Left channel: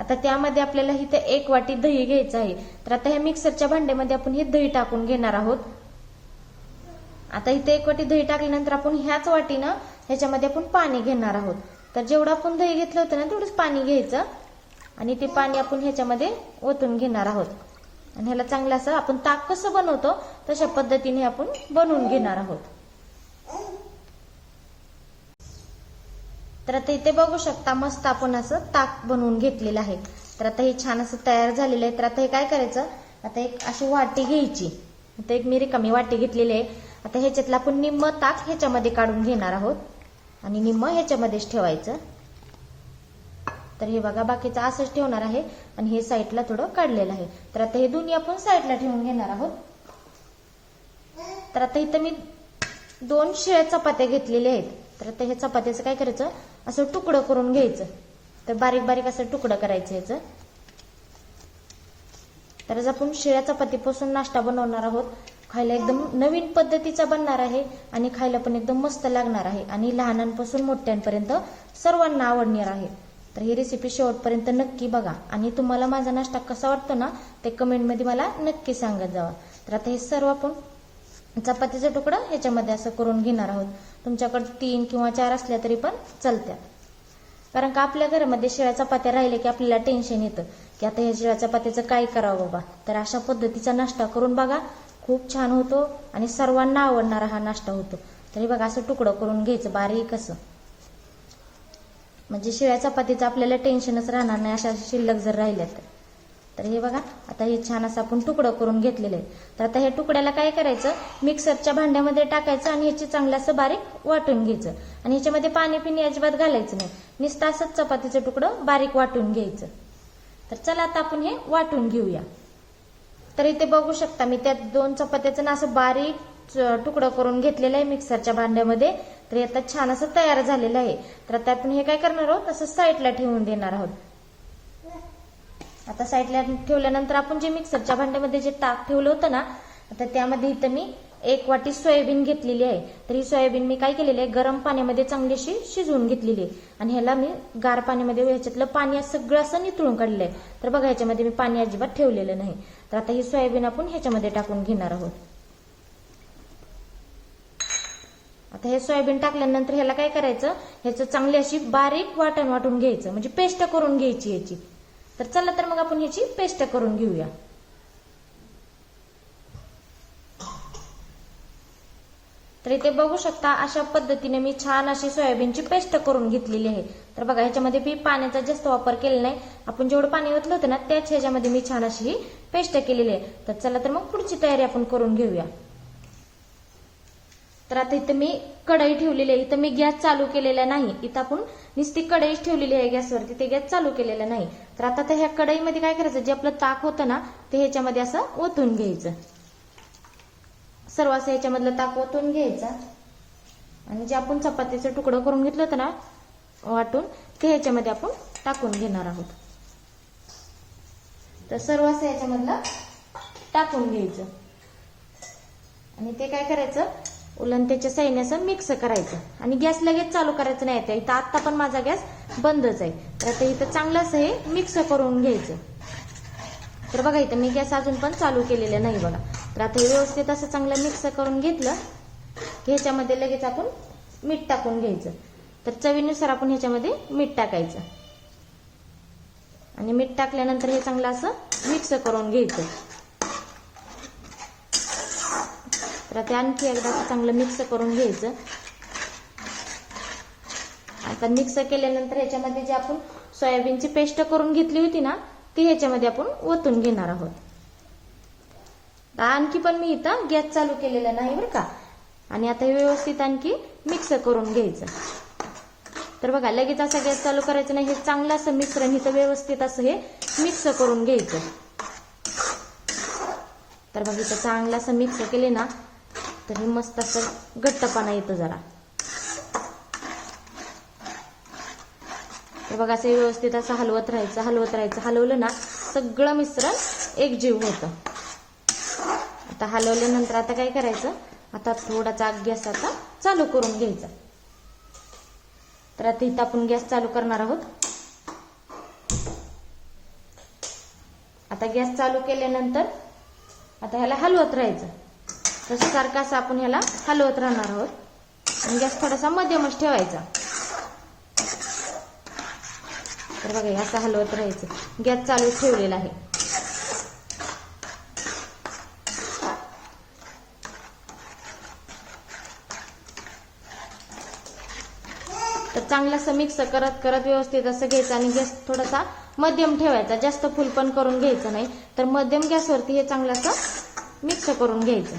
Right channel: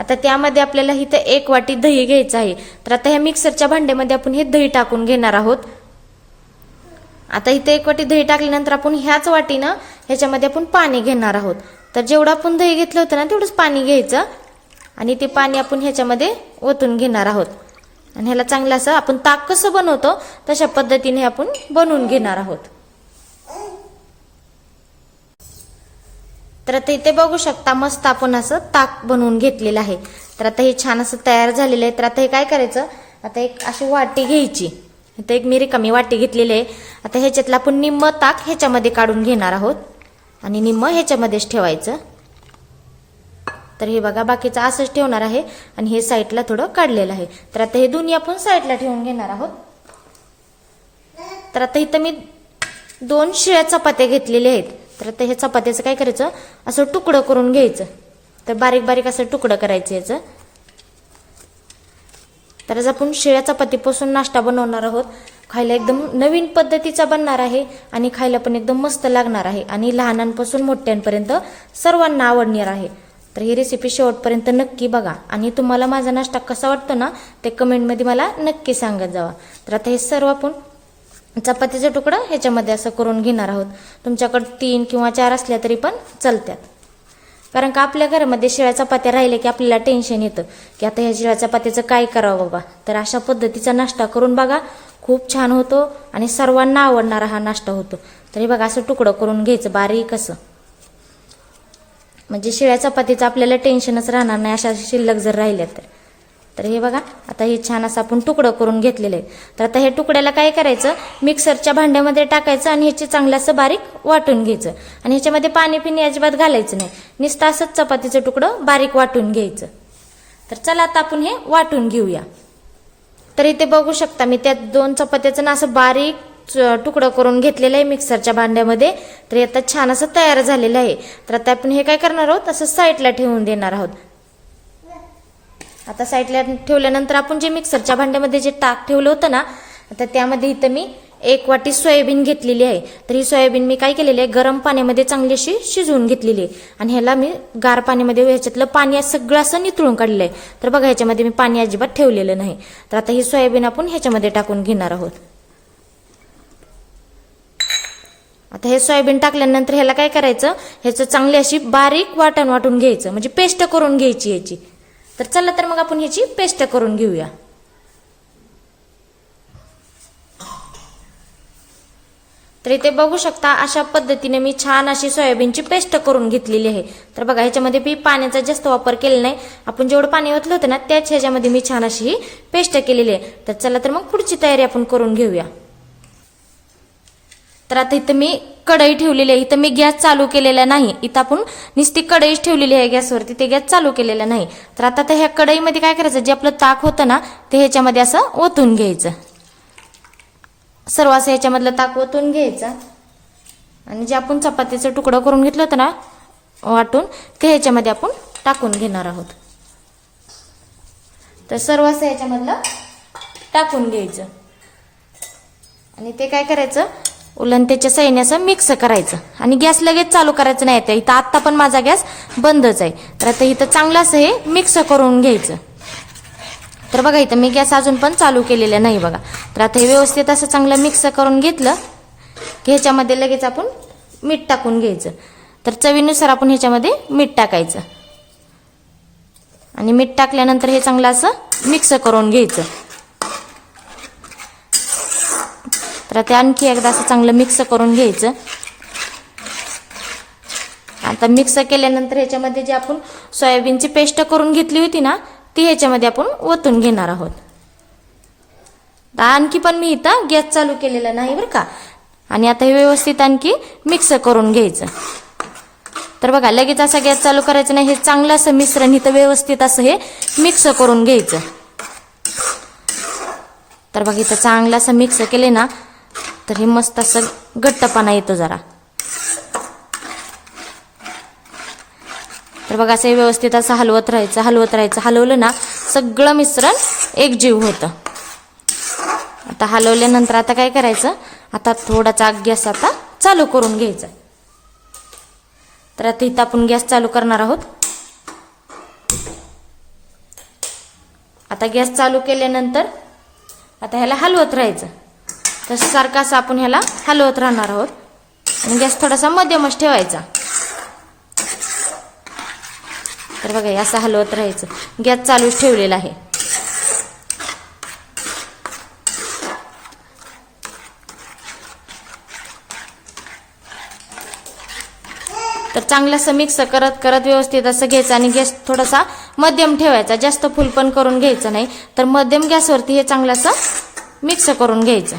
आता त्यामध्ये आपल्याला इथं 1 वाटी दही घ्यायचं आहे. तर आता ह्या मिक्सरच्या भांड्यामध्ये आपण हे दही टाकून घेणार आहोत. आता इथे 1 वाटी दही टाकल्यानंतर आपण ह्याच वाटीनं ह्याच्यामध्ये आपण पाणी घेणार आहोत. तर जेवढं आपण दही घेतलं होतं ना तेवढंच पाणी घ्यायचं आणि ते पाणी आपण ह्याच्यामध्ये ओतून घेणार आहोत. आणि ह्याला चांगलं असं आपण ताक कसं बनवतो तशा पद्धतीने आपण बनवून घेणार आहोत. तर आता इथे बघू शकता मस्त आपण असं ताक बनवून घेतलेलं आहे. तर आता हे छान असं तयार झालेलं आहे. तर आता हे काय करायचं, आता एक अशी वाटी घ्यायची. इथे एक मी रिकामी वाटी घेतलेली आहे. आता ह्याच्यातलं आपण निम्म ताक ह्याच्यामध्ये काढून घेणार आहोत आणि निम्म ह्याच्यामध्येच ठेवायचं. तर हे बघा बाकीचं असंच ठेवणार आहे आणि हे साईडला थोडं काढलेलं आहे. तर आता हे दोन्ही आपण साईडला ठेवून घेणार आहोत. तर आता इथं मी 2 शिळ्या चपात्या घेतलेल्या आहेत. तर आता हे चपात्याचं काय करायचं, असं तुकडं करून घ्यायचं. तर बारीक बारीक असं तुकडं करायचं याचं. तर आज आपण शिळ्या चपातीपासून नाश्ता बनवणार आहोत. खायला एकदम नवीन पद्धतीचा बनणार आहे आणि खायला पण एकदम मस्त लागणार आहे आणि लहानांपासून मोठ्यांपर्यंत सर्वांना आवडणार आहे. तर ही रेसिपी शेवटपर्यंत नक्की बघा आणि तुम्हाला माझा नाश्ता कसा वाटतो ना ते कमेंटमध्ये मला नक्की सांगत जावा. तर आता हे सर्व आपण चपातीचा तुकडा ह्याच्यामध्ये असं करून घेणार आहोत. तुमच्याकडे 3 किंवा 4 असल्या तरी पण चालतात. कारण का आपल्या घरामध्ये शिळ्या चपात्या राहिले की आपल्याला टेन्शन येतं की आता ह्या शिळ्या चपात्याचं काय करावं बाबा. तर अशा पद्धतीचा नाश्ता करून बघा, खूप छान होतो आणि सर्वांना आवडणारा हा नाश्ता होतो. तर हे बघा असं तुकडं करून घ्यायचं बारीक असं, म्हणजे शिळ्या चपातीचं आपल्याला टेन्शनच राहणार नाही अशा शिल्लक जर राहिल्या तर. तर हे बघा आता हे छान असं आपण तुकडं करून घेतलेलं आहे. तर आता हे तुकड्याला काय करायचं, मिक्सरच्या भांड्यामध्ये टाकायचं आणि ह्याची चांगलं असं बारीक वाटून घ्यायचं. आणि ह्याच्यामध्ये पाणी पिणी अजिबात घालायचं नाही, नुसतं असंच चपातीचं तुकडं बारीक वाटून घ्यायचं. तर चला आता आपण हे वाटून घेऊया. तर इथे बघू शकता मी त्या 2 चपात्याचं ना असं बारीक तुकडं करून घेतलेलं आहे मिक्सरच्या भांड्यामध्ये. तर आता छान असं तयार झालेलं आहे. तर आता आपण हे काय करणार आहोत, असं साईडला ठेवून देणार आहोत. आता साईडला ठेवल्यानंतर आपण जे मिक्सरच्या भांड्यामध्ये जे ताक ठेवलं होतं ना, आता त्यामध्ये इथं मी 1 वाटी सोयाबीन घेतलेली आहे. तर ही सोयाबीन मी काय केलेली आहे, गरम पाण्यामध्ये चांगली अशी शिजवून घेतलेली आहे. आणि ह्याला मी गार पाण्यामध्ये ह्याच्यातलं पाणी सगळं असं नितळून काढलेलं आहे. तर बघा ह्याच्यामध्ये मी पाणी अजिबात ठेवलेलं नाही. तर आता ही सोयाबीन आपण ह्याच्यामध्ये टाकून घेणार आहोत. आता हे सोयाबीन टाकल्यानंतर ह्याला काय करायचं, ह्याचं चांगली अशी बारीक वाटून घ्यायचं, म्हणजे पेस्ट करून घ्यायची याची. तर चला तर मग आपण ह्याची पेस्ट करून घेऊया. तर इथे बघू शकता अशा पद्धतीने मी छान अशी सोयाबीनची पेस्ट करून घेतलेली आहे. तर बघा ह्याच्यामध्ये मी पाण्याचा जास्त वापर केलेला नाही, आपण जेवढं पाणी ओतलं होतं ना त्याच ह्याच्यामध्ये मी छान अशी ही पेस्ट केलेली आहे. तर चला तर मग पुढची तयारी आपण करून घेऊया. तर आता इथं मी कढई ठेवलेली आहे. इथं मी गॅस चालू केलेला नाही, इथं आपण नुसती कढईच ठेवलेली आहे गॅसवरती, ते गॅस चालू केलेला नाही. तर आता ह्या कढईमध्ये काय करायचं, जे आपलं ताक होतं ना ते ह्याच्यामध्ये असं ओतून घ्यायचं. सर्व असं ह्याच्यामधलं ताक ओतून घ्यायचं आणि जे आपण चपातीचं तुकडं करून घेतलं होतं ना वाटून ते ह्याच्यामध्ये आपण टाकून घेणार आहोत. तर सर्व असं ह्याच्यामधलं टाकून घ्यायचं आणि ते काय करायचं, उलंत्याच्या साह्याने असं मिक्स करायचं आणि गॅस लगेच चालू करायचं नाही. आता इथं आत्ता पण माझा गॅस बंदच आहे. तर आता इथं चांगलं असं हे मिक्स करून घ्यायचं. तर बघा इथं मी गॅस अजून पण चालू केलेला नाही बघा. तर आता हे व्यवस्थित असं चांगलं मिक्स करून घेतलं की ह्याच्यामध्ये लगेच आपण मीठ टाकून घ्यायचं. तर चवीनुसार आपण ह्याच्यामध्ये मीठ टाकायचं आणि मीठ टाकल्यानंतर हे चांगलं असं मिक्स करून घ्यायचं. तर ते आणखी एकदा असं चांगलं मिक्स करून घ्यायचं. आता मिक्स केल्यानंतर ह्याच्यामध्ये जे आपण सोयाबीनची पेस्ट करून घेतली होती ना ती ह्याच्यामध्ये आपण ओतून घेणार आहोत. आणखी पण मी इथं गॅस चालू केलेला नाही बरं का. आणि आता हे व्यवस्थित आणखी मिक्स करून घ्यायचं. तर बघा लगेच असा गॅस चालू करायचा नाही, हे चांगलं असं मिश्रण इथं व्यवस्थित असं हे मिक्स करून घ्यायचं. तर बघा इथं चांगलं असं मिक्स केले ना तर हे मस्त असं घट्टपणा येतो जरा. तर बघा असं व्यवस्थित असं हलवत राहायचं. हलवलं ना सगळं मिश्रण एकजीव होतं. आता हलवल्यानंतर आता काय करायचं, आता थोडासा गॅस आता चालू करून घ्यायचा. तर आता इथं आपण गॅस चालू करणार आहोत. आता गॅस चालू केल्यानंतर आता ह्याला हलवत राहायचं. तसं सारखं असं आपण ह्याला हलवत राहणार आहोत आणि गॅस थोडासा मध्यमच ठेवायचा. तर बघा असं हलवत राहायचं. गॅस चालूच ठेवलेला आहे. तर चांगलं असं मिक्स करत करत व्यवस्थित असं घ्यायचं आणि गॅस थोडासा मध्यम ठेवायचा. जास्त फुल पण करून घ्यायचं नाही. तर मध्यम गॅसवरती हे चांगलं असं मिक्स करून घ्यायचं.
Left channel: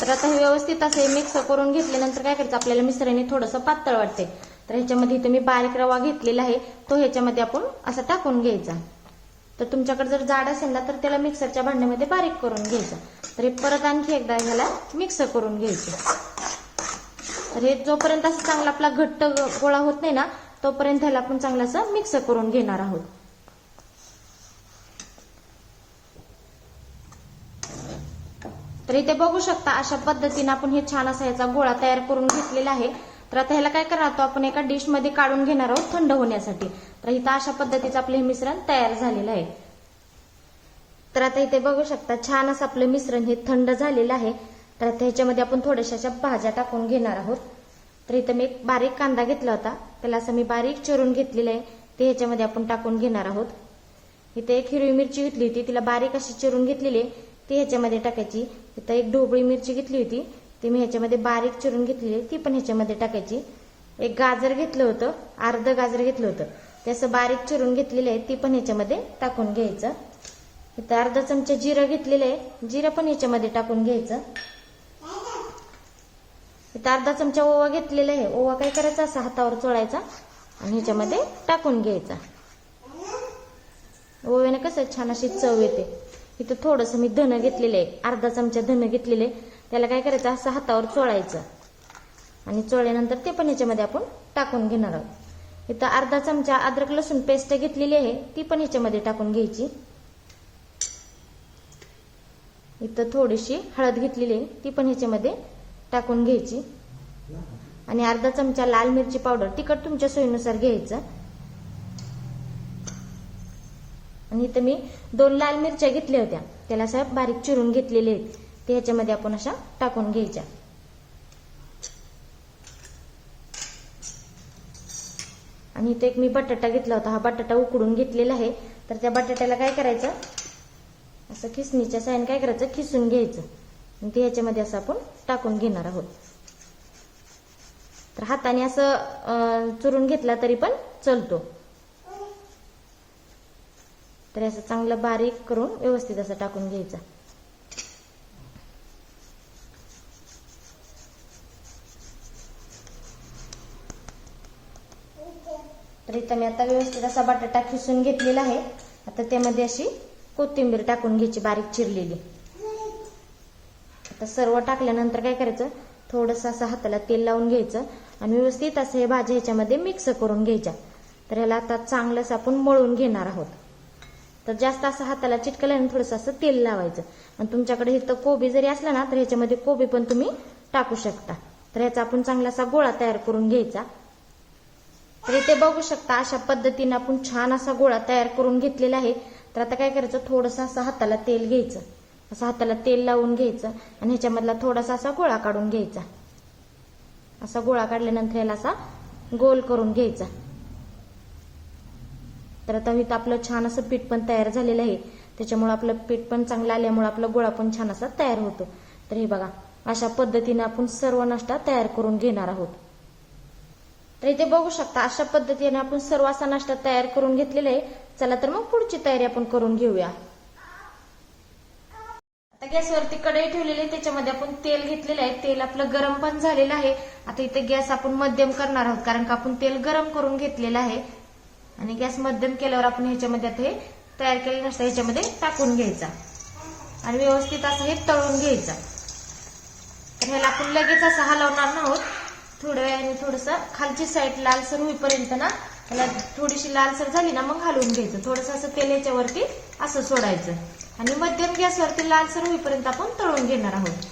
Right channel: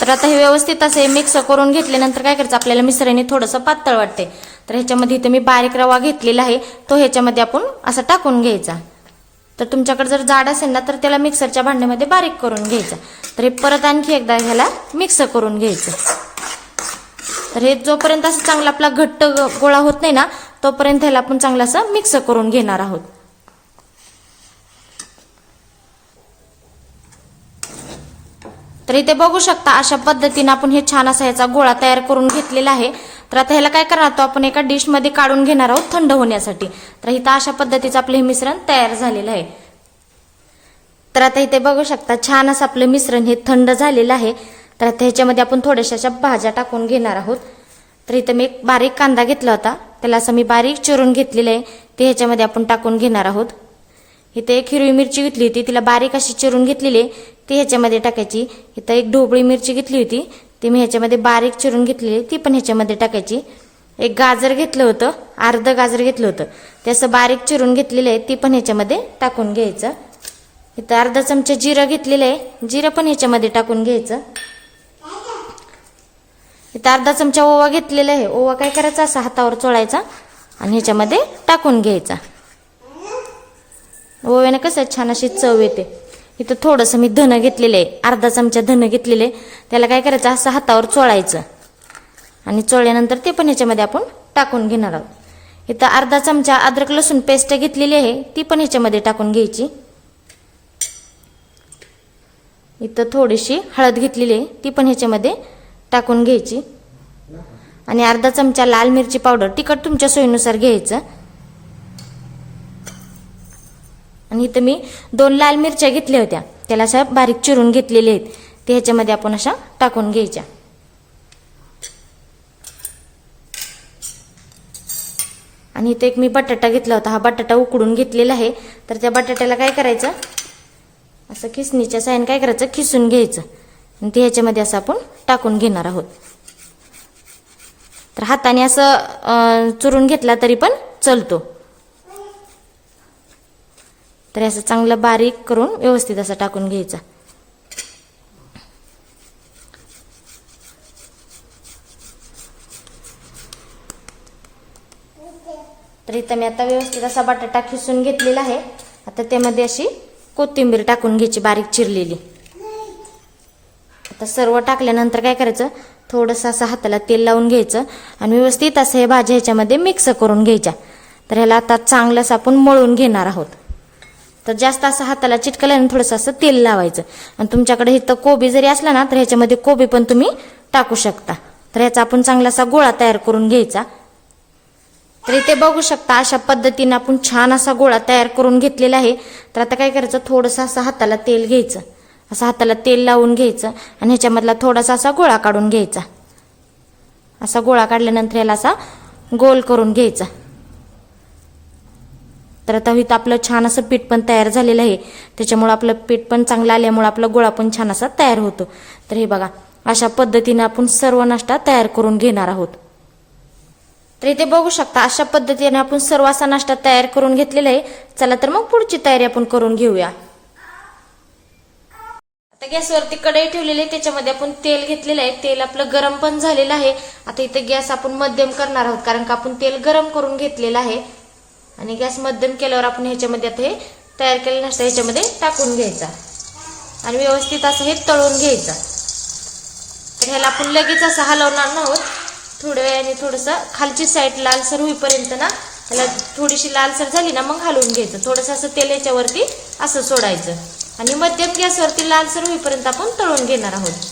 तर आता हे व्यवस्थित असे मिक्स करून घेतल्यानंतर काय करायचं, आपल्याला मिश्रण हे थोडंसं पातळ वाटते. तर ह्याच्यामध्ये इथे मी बारीक रवा घेतलेला आहे, तो ह्याच्यामध्ये आपण असं टाकून घ्यायचा. तर तुमच्याकडे जर जाड असेल ना तर त्याला मिक्सरच्या भांड्यामध्ये बारीक करून घ्यायचं. तर हे परत आणखी एकदा ह्याला मिक्स करून घ्यायचं. तर हे जोपर्यंत असं चांगला आपला घट्ट गोळा होत नाही ना तोपर्यंत ह्याला आपण चांगलं असं मिक्स करून घेणार आहोत. तर इथे बघू शकता अशा पद्धतीने आपण हे छान असा ह्याचा गोळा तयार करून घेतलेला आहे. तर आता ह्याला काय करणार आहोत, आपण एका डिश मध्ये काढून घेणार आहोत थंड होण्यासाठी. तर इथं अशा पद्धतीचं आपलं हे मिश्रण तयार झालेलं आहे. तर आता इथे बघू शकता छान असं आपलं मिश्रण हे थंड झालेलं आहे. तर आता ह्याच्यामध्ये आपण थोड्याशा भाज्या टाकून घेणार आहोत. तर इथं मी एक बारीक कांदा घेतला होता, त्याला असं मी बारीक चिरून घेतलेलं आहे, ते ह्याच्यामध्ये आपण टाकून घेणार आहोत. इथे एक हिरवी मिरची घेतली होती, तिला बारीक अशी चिरून घेतलेली आहे, ती ह्याच्यामध्ये टाकायची. इथं एक ढोबळी मिरची घेतली होती, ती मी ह्याच्यामध्ये बारीक चिरून घेतलेली, ती पण ह्याच्यामध्ये टाकायची. एक गाजर घेतलं होतं, अर्ध गाजर घेतलं होतं, ते असं बारीक चिरून घेतलेलं आहे, ती पण ह्याच्यामध्ये टाकून घ्यायचं. इथं अर्धा चमचा जिरं घेतलेलं आहे, जिरं पण ह्याच्यामध्ये टाकून घ्यायचं. इथं अर्धा चमचा ओवा घेतलेला आहे, ओवा काय करायचा असा हातावर चोळायचा आणि ह्याच्यामध्ये टाकून घ्यायचा. ओव्याने कसं छान अशी चव येते. इथं थोडंसं मी धनं घेतलेले आहे, अर्धा चमचा धनं घेतलेले, त्याला काय करायचं असं हातावर चोळायचं आणि चोळल्यानंतर ते पण ह्याच्यामध्ये आपण टाकून घेणार आहोत. इथं अर्धा चमचा अद्रक लसूण पेस्ट घेतलेली आहे, ती पण ह्याच्यामध्ये टाकून घ्यायची. इथं थोडीशी हळद घेतलेली आहे, ती पण ह्याच्यामध्ये टाकून घ्यायची आणि अर्धा चमचा लाल मिरची पावडर, तिखट तुमच्या सोयीनुसार घ्यायचं. आणि इथं मी 2 लाल मिरच्या घेतल्या होत्या, त्याला अशा बारीक चिरून घेतलेल्या आहेत, ते ह्याच्यामध्ये आपण अशा टाकून घ्यायच्या. आणि इथे एक मी बटाटा घेतला होता, हा बटाटा उकडून घेतलेला आहे. तर त्या बटाट्याला काय करायचं असं खिसणीच्या साहाय्याने काय करायचं खिसून घ्यायचं आणि ते ह्याच्यामध्ये असं आपण टाकून घेणार आहोत. तर हाताने असं चुरून घेतला तरी पण चालतो. तर असं चांगलं बारीक करून व्यवस्थित असं टाकून घ्यायचं. तर इथं मी आता व्यवस्थित असा बटाटा खिसून घेतलेला आहे. आता त्यामध्ये अशी कोथिंबीर टाकून घ्यायची बारीक चिरलेली. आता सर्व टाकल्यानंतर काय करायचं, थोडंसं असं हाताला तेल लावून घ्यायचं आणि व्यवस्थित असं हे भाज्या ह्याच्यामध्ये मिक्स करून घ्यायच्या. तर ह्याला आता चांगलं असं आपण मळून घेणार आहोत. तर जास्त असं हाताला चिटकल्याने थोडंसं असं तेल लावायचं. आणि तुमच्याकडे इथं कोबी जरी असला ना तर ह्याच्यामध्ये कोबी पण तुम्ही टाकू शकता. तर ह्याचा आपण चांगला असा गोळा तयार करून घ्यायचा. तर इथे बघू शकता अशा पद्धतीने आपण छान असा गोळा तयार करून घेतलेला आहे. तर आता काय करायचं, थोडंसं असं हाताला तेल घ्यायचं, असं हाताला तेल लावून घ्यायचं आणि ह्याच्यामधला थोडासा असा गोळा काढून घ्यायचा. असा गोळा काढल्यानंतर ह्याला असा गोल करून घ्यायचा. तर आता इथं आपलं छान असं पीठ पण तयार झालेलं आहे, त्याच्यामुळे आपलं पीठ पण चांगलं आल्यामुळे आपला गोळा पण छान असा तयार होतो. तर हे बघा अशा पद्धतीने आपण सर्व नाश्ता तयार करून घेणार आहोत. तर इथे बघू शकता अशा पद्धतीने आपण सर्व असा नाश्ता तयार करून घेतलेला आहे. चला तर मग पुढची तयारी आपण करून घेऊया. आता गॅसवरती कढई ठेवलेली आहे, त्याच्यामध्ये आपण तेल घेतलेलं आहे, तेल आपलं गरम पण झालेलं आहे. आता इथे गॅस आपण मध्यम करणार आहोत कारण का आपण तेल गरम करून घेतलेलं आहे. आणि गॅस मध्यम केल्यावर आपण ह्याच्यामध्ये आता हे तयार केलेलं नाश्ता ह्याच्यामध्ये टाकून घ्यायचा आणि व्यवस्थित असं हे तळून घ्यायचं. तर ह्याला आपण लगेच असं हलवणार नाहोत, थोड्या वेळाने थोडंसं खालची साईड लालसर होईपर्यंत ना ह्याला थोडीशी लालसर झाली ना मग हलवून घ्यायचं. थोडंसं असं तेल ह्याच्यावरती असं सोडायचं आणि मध्यम गॅसवरती लालसर होईपर्यंत आपण तळून घेणार आहोत.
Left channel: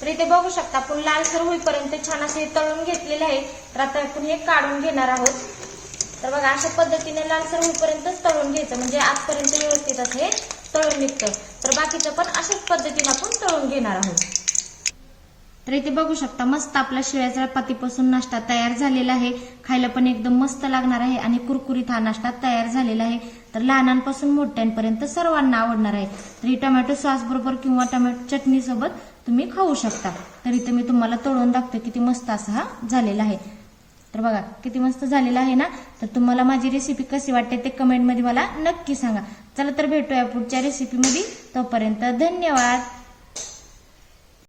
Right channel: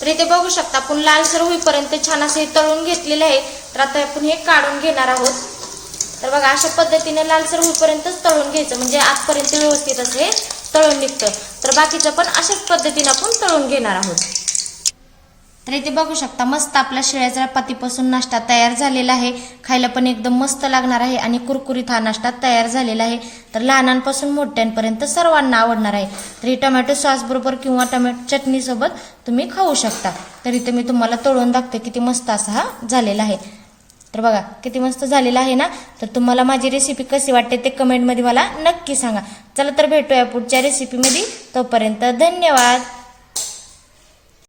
तर इथे बघू शकता आपण लालसर होईपर्यंत छान असं तळून घेतलेले आहे. तर आता आपण हे काढून घेणार आहोत. तर बघा अशा पद्धतीने लालसर होईपर्यंतच तळून घ्यायचं, म्हणजे आजपर्यंत व्यवस्थित असे तळून निघतं. तर बाकीचं पण अशाच पद्धतीने आपण तळून घेणार आहोत. तर इथे बघू शकता मस्त आपला शिळ्या चपातीपासून नाश्ता तयार झालेला आहे. खायला पण एकदम मस्त लागणार आहे आणि कुरकुरीत हा नाश्ता तयार झालेला आहे. तर लहानांपासून मोठ्यांपर्यंत सर्वांना आवडणार आहे. तर ही टोमॅटो सॉस बरोबर किंवा टोमॅटो चटणी सोबत तुम्ही खाऊ शकता. तर इथे मी तुम्हाला तळून दाखते किती मस्त असा हा झालेला आहे. तर बघा किती मस्त झालेला आहे ना. तर तुम्हाला माझी रेसिपी कशी वाटते ते कमेंटमध्ये मला नक्की सांगा. चला तर भेटूया पुढच्या रेसिपीमध्ये. तोपर्यंत धन्यवाद.